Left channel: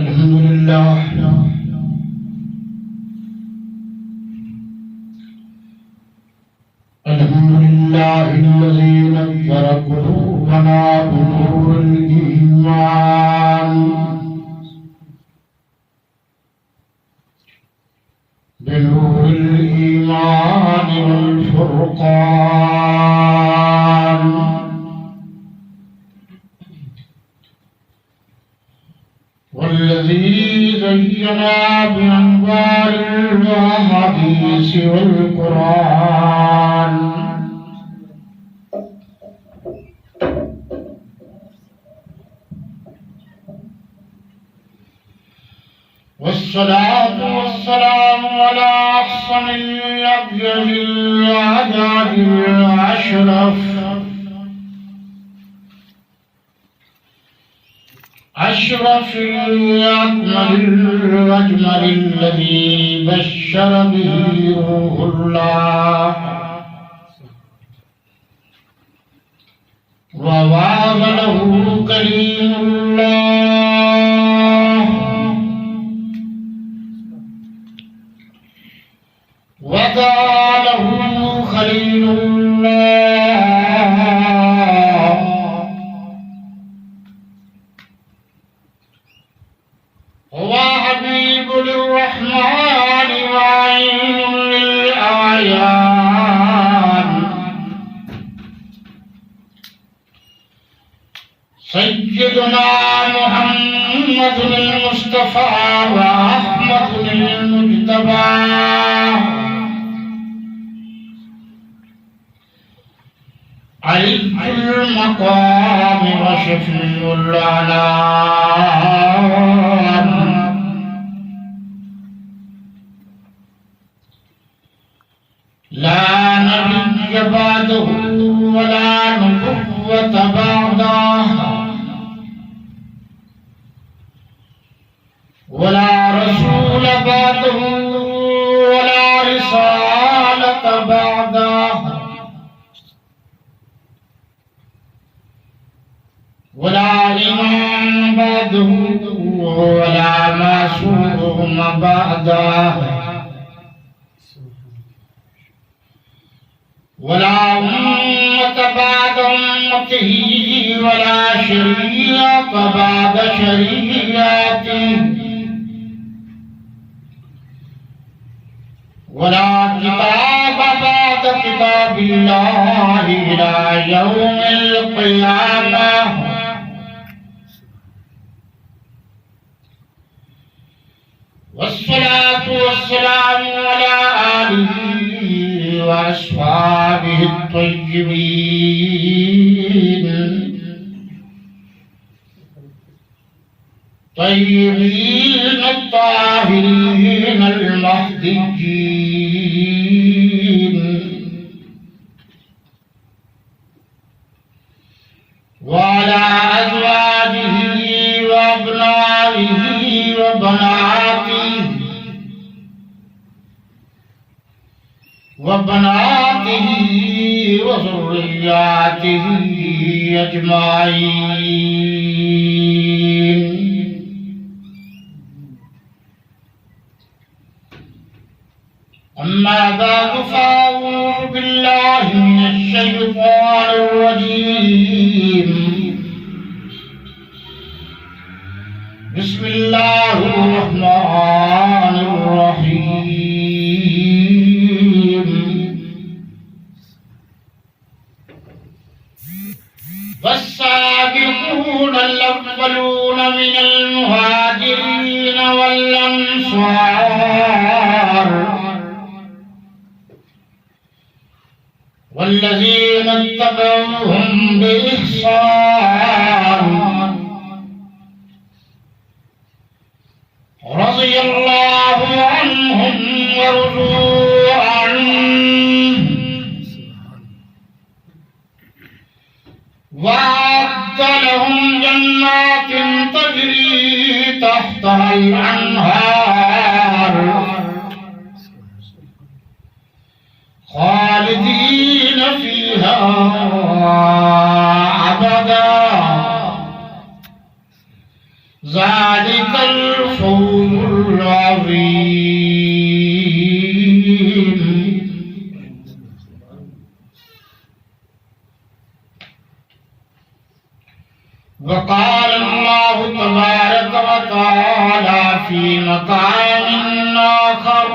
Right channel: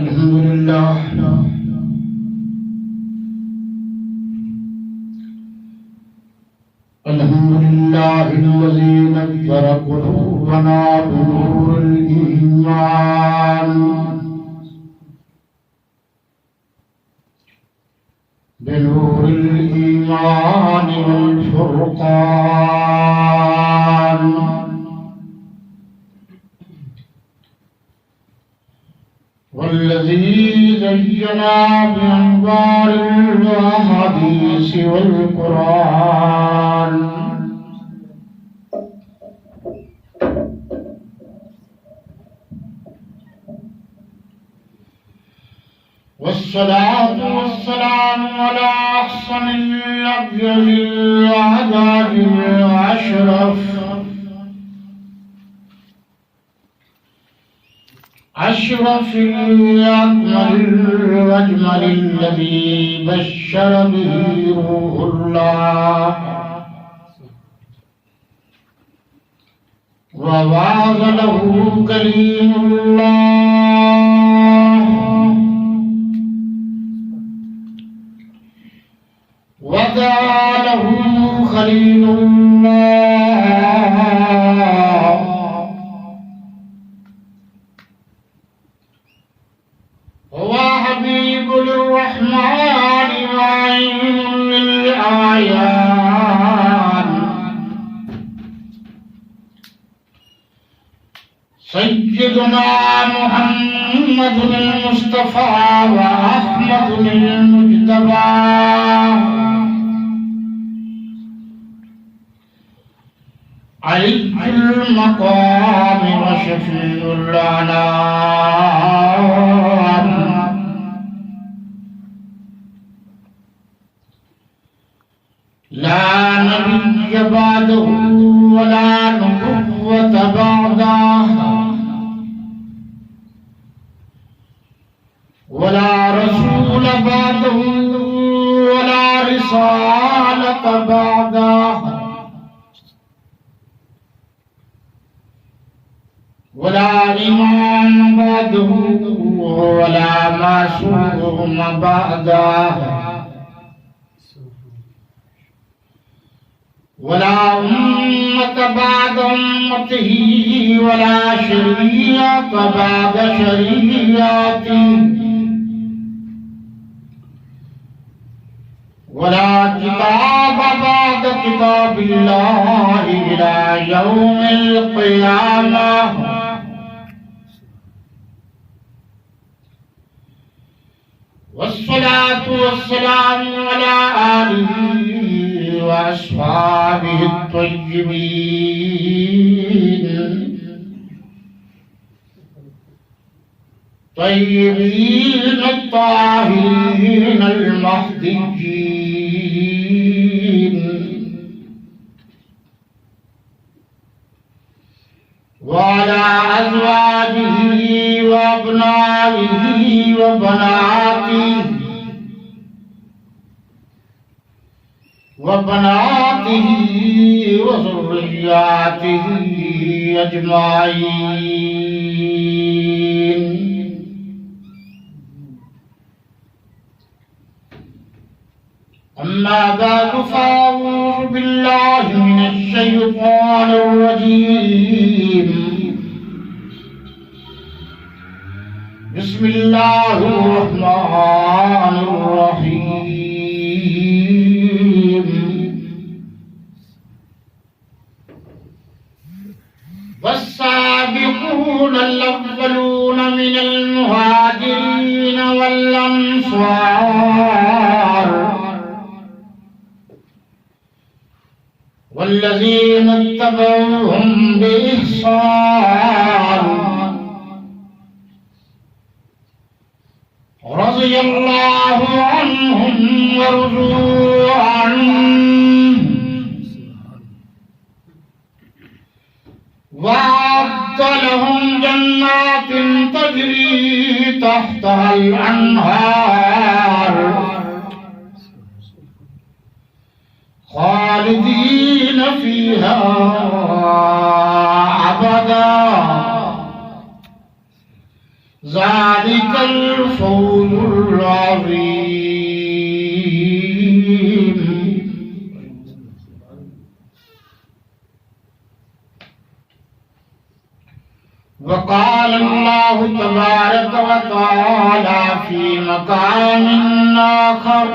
अल्हम्दुलिल्लाह अल्हम्दुलिल्लाहिल्लज़ी नव्वरा क़ुलूबना बिनूरिल ईमान वल फुरक़ान वल्लज़ी ज़य्यना बिअनवारिल अहादीस वल क़ुरआन वस्सलातु वस्सलामु अला अहसनिल अब्यदिल आदादिल अशरफ अशरफिल अकमलिल अजमलिल लज़ी बश्शर बिही रूहुल्लाह व वाज़ लहू कलीमुल्लाह वदालहु खलीलुल्लाह हुवा हबीबुर रहमान वाइनुल आयान सय्यदुना मुहम्मदुल मुस्तफा व अहमदुल मुज्तबा अलीजुल मकाम व शफीउल अनाम ला नबिय्य बअदहु व ला नुबुव्वत बअदहु व ला रसूल बअदहु व ला रिसालत बअदहु वला इमाम बअदहु वला मासूम बअदहु वला उम्मत बअद उम्मतिही वला शरीअत बअद शरीअतिही वला किताब बअद किताबिल्लाहि इला यौमिल क़ियामह वस्सलातु वस्सलामु अला आलिहि व अस्हाबिहि तय्यबीन अत्ताहिरीन अल-महदिय्यीन व अला अज़वाजिहि व अब्नाइहि व बनातिहि व बनातिहि व ज़ुर्रिय्यातिहि अजमाईन। अम्मा बअदु फ़अऊज़ु बिल्लाहि मिनश शैतानिर रजीम। बिस्मिल्लाहिर रहमानिर रहीम। वस्साबिक़ूनल अव्वलून मिनल मुहाजिरीन वल अंसार वल्लज़ीन इत्तबऊहुम बिइहसान रज़ियल्लाहु अन्हुम व रज़ू अन्हु वअद्द लहुम जन्नातिन तजरी तहतहल अन्हार खालिदीन फीहा अबदा ज़ालिका الفوز العظيم. وقال الله تبارك وتعالى في مقام آخر:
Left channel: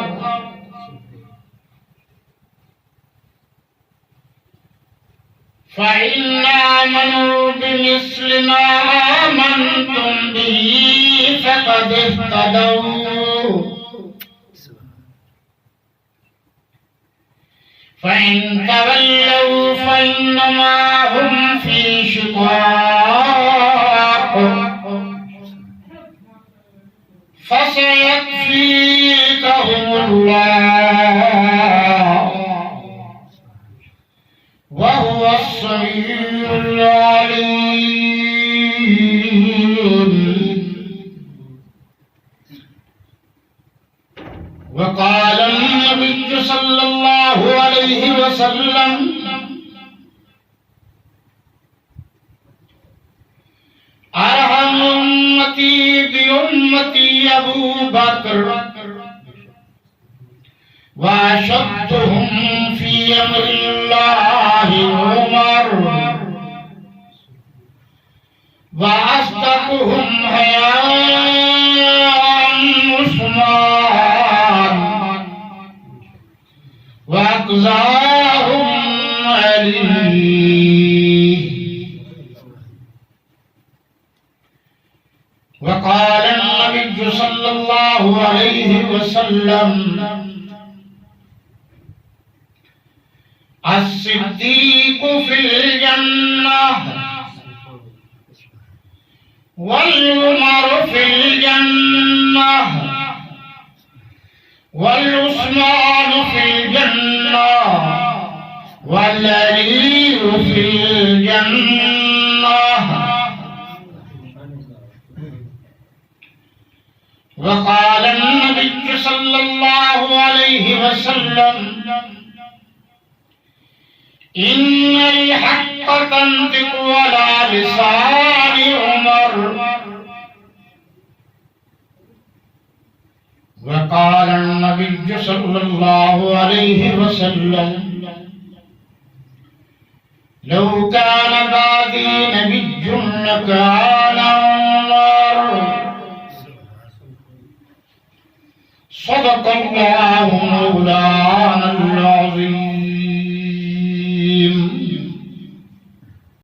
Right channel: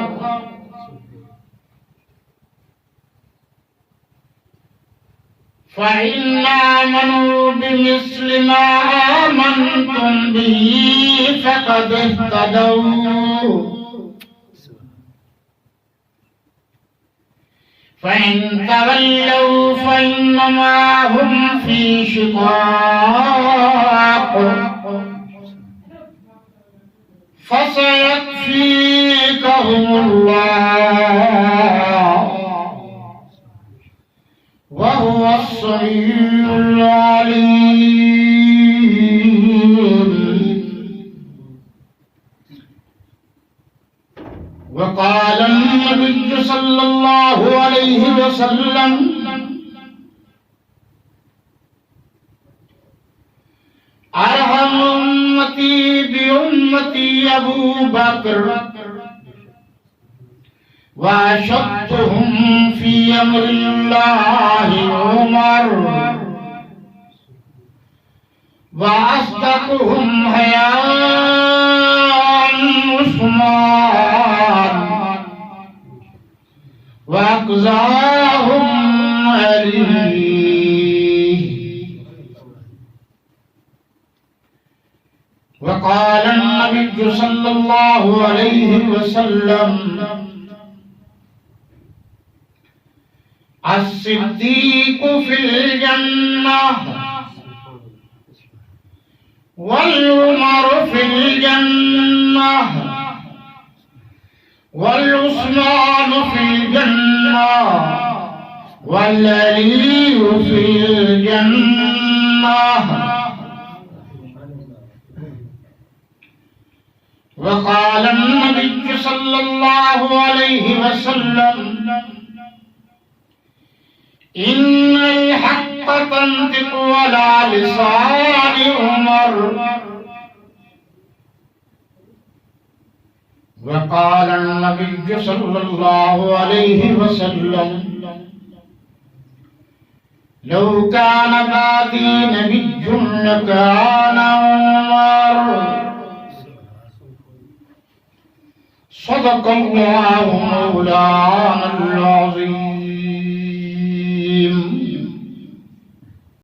فإن آمنوا بمثل ما آمنتم به فقد اهتدوا فإن تولوا فإنما هم في شقاق فسيكفيكهم الله وهو السميع العليم. وقال النبي صلى الله عليه وسلم: أرحم أمتي بأمتي أبو بكر وأشدهم في أمر الله عمر وأصدقهم حياء عثمان وأقزاهم علي. وقال النبي صلى الله عليه وسلم: الصديق في الجنة والعمر في الجنة والعثمان في الجنة والعلي في الجنة. وقال النبي صلى الله عليه وسلم: إن الحق تنطق على لسان عمر. وقال النبي صلى الله عليه وسلم: لو كان بعدي نبي لكان عمر. صدق الله مولانا العظيم.